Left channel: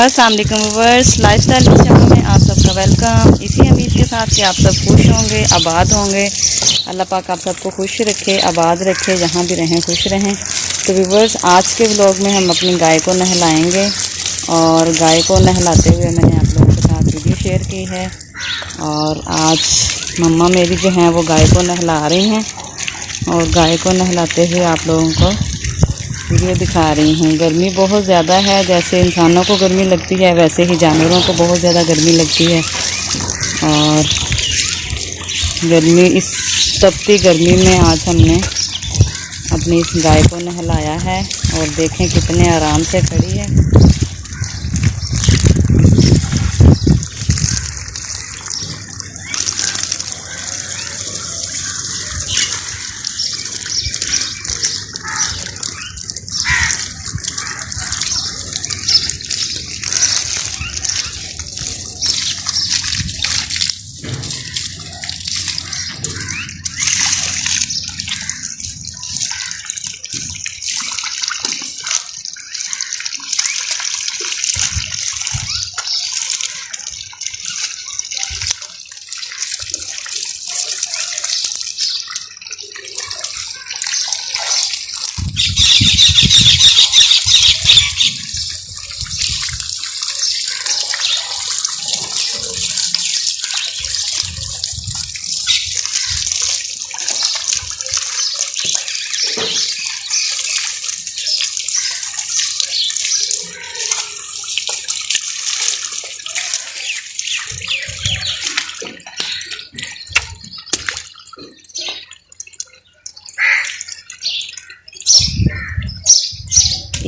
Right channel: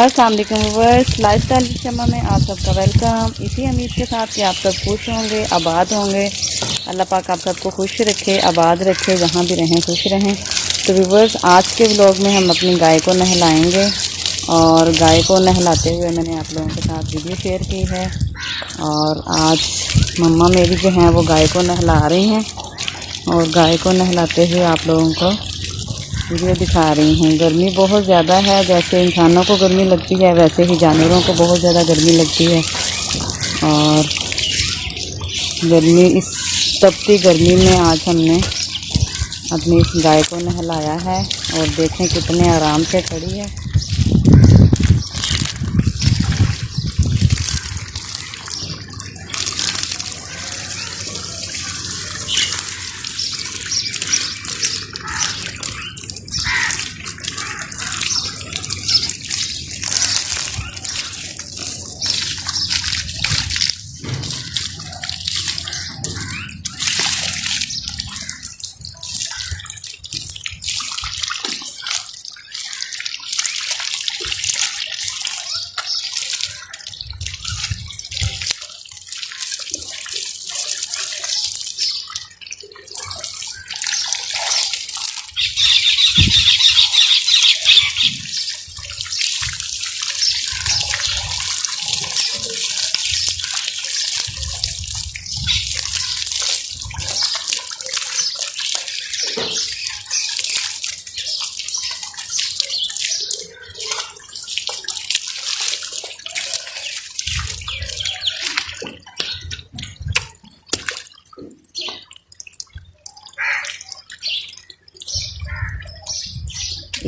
अस्सलाम वालेकुम viewers, lifestyle की जगह में आप सबका वेलकम। इसी उम्मीद के साथ कि आप सब खुश होंगे, आबाद होंगे। अल्लाह पाक आप सबको खुश रखे, आबाद रखे, जहाँ भी रहें खुश रहें। तो व्यूअर्स, आज के व्लॉग में हम अपनी गाय को नहलाएंगे और गाय को नहलाते हुए मैंने आप लोगों के साथ वीडियो शेयर की है। और आज मम्मा मेरी जो हैं वो गाय को नहला रही हैं और गाय को नहलाते हुए आप लोगों को वीडियो दिखा रही हूँ। गर्मी बहुत ज़्यादा है, जैसे इंसानों को गर्मी लगती है वैसे ही जानवरों को बहुत ज़्यादा गर्मी लगती है। और इस तपती गर्मी में आज हमने अपनी इस गाय को नहलाया है और देखें कितने आराम से खड़ी है।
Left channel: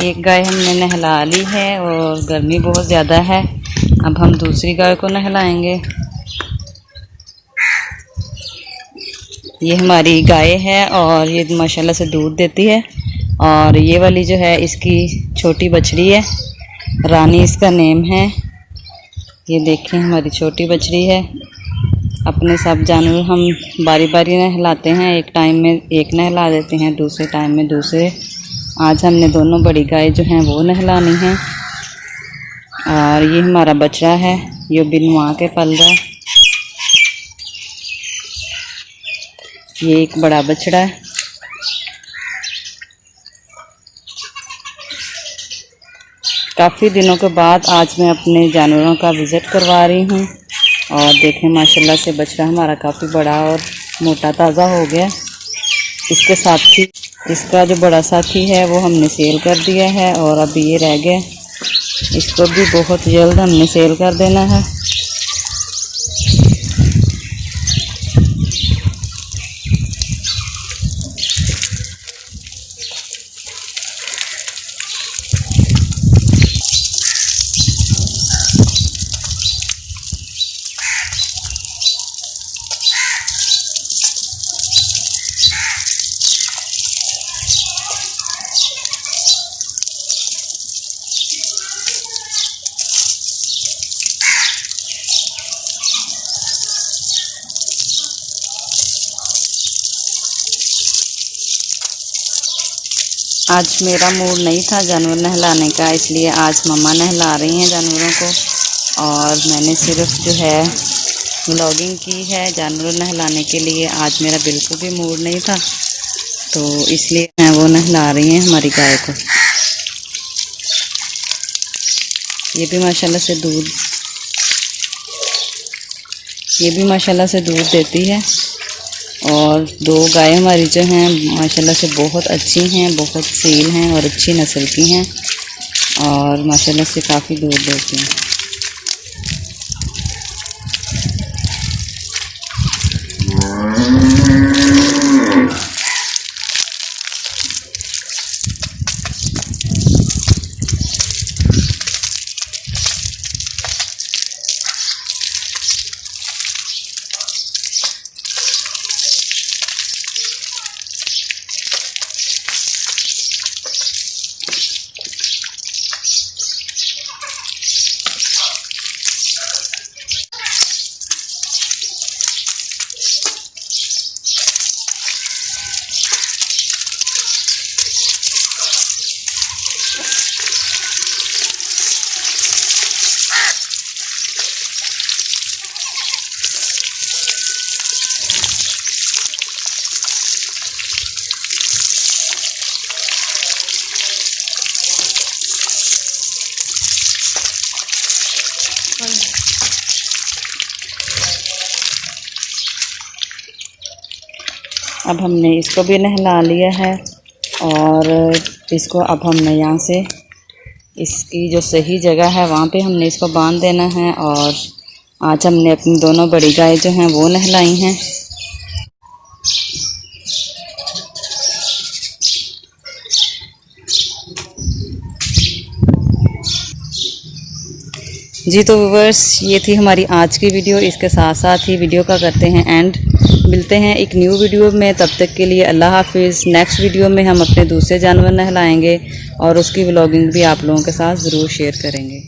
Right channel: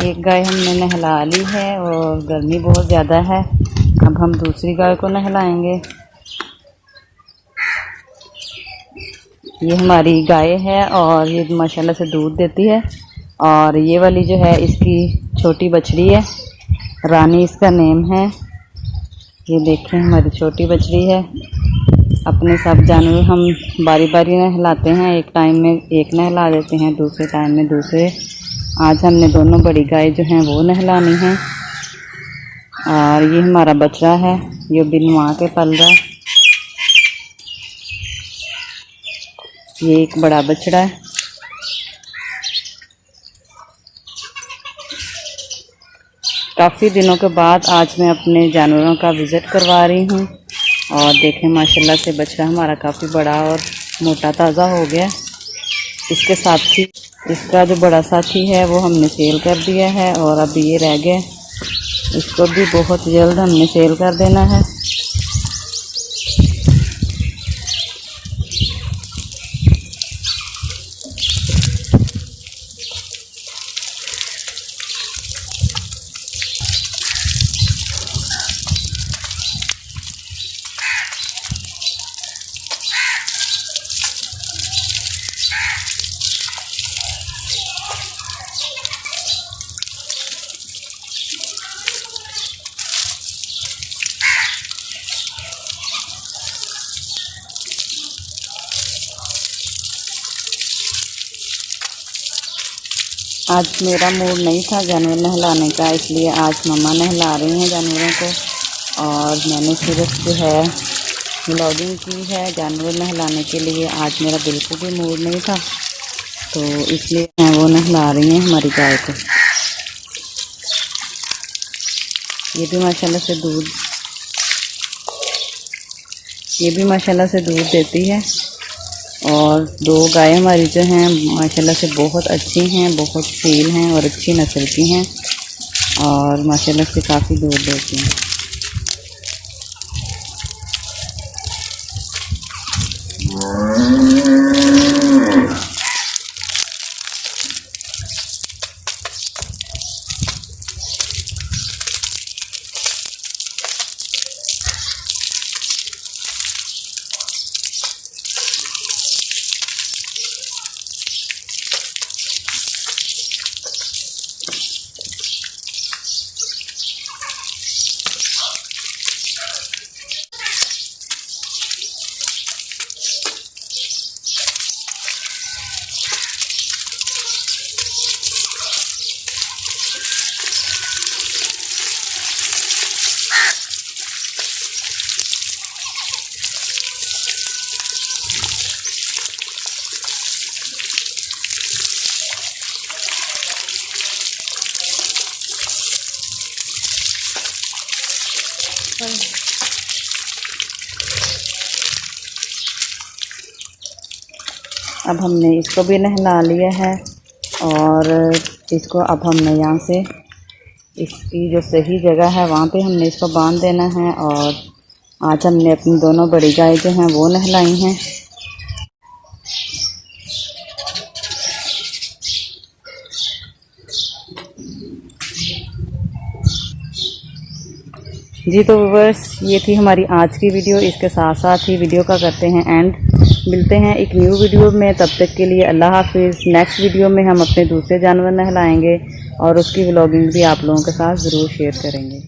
एक गाय हमने नहला ली है और गर्मी बहुत ज़्यादा है। अब हम दूसरी गाय को नहलाएंगे। ये हमारी गाय है और ये माशाल्लाह से दूध देती है। और ये वाली जो है इसकी छोटी बछड़ी है, रानी इसका नेम है। ये देखें हमारी छोटी बछड़ी है। अपने सब जानवर हम बारी बारी नहलाते हैं, एक टाइम में एक नहला देते हैं, दूसरे टाइम में दूसरे। आज हमने दोनों बड़ी गाय जो हैं वो नहलानी है। और ये हमारा बछड़ा है, ये बिन माँ के पल रहा है। ये एक बड़ा बछड़ा है। काफ़ी दिनों के बाद आज मैं अपने जानवरों का विज़िट करवा रही हूँ। और देखें माशाल्लाह से बछड़ा हमारा काफ़ी बड़ा और मोटा ताज़ा हो गया। इसके साथ ही इसका जो बड़ा साथी है वो हमने सेल कर दिया है और अब ये रह गया। इसको भी बहुत जल्द हमने सेल कर देना है। आज मेरा मूड नहीं था जानवर नहलाने का, इसलिए आज मम्मा नहला रही हैं जानवरों को। और मैंने सिर्फ जो है व्लॉगिंग की है जानवर नहलाने के लिए। आज मेरा बिल्कुल भी मूड नहीं था, तो इसलिए मैं वो नहला रही हैं हमारी गाय को। ये भी माशाल्लाह से दूध देती है। और दो गाय हमारी जो हैं माशाल्लाह से बहुत अच्छी हैं, बहुत सील हैं और अच्छी नस्ल की हैं और माशाल्लाह से काफ़ी दूध देती हैं। अब हमने इसको भी नहला लिया है और इसको अब हमने यहाँ से इसकी जो सही जगह है वहाँ पे हमने इसको बांध देना है। और आज हमने अपनी दोनों बड़ी गाय जो हैं वो नहलाई हैं। जी तो व्यूअर्स, ये थी हमारी आज की वीडियो। इसके साथ साथ ही वीडियो का करते हैं एंड। मिलते हैं एक न्यू वीडियो में, तब तक के लिए अल्लाह हाफिज़। नेक्स्ट वीडियो में हम अपने दूसरे जानवर नहलाएंगे और उसकी व्लॉगिंग भी आप लोगों के साथ ज़रूर शेयर करेंगे।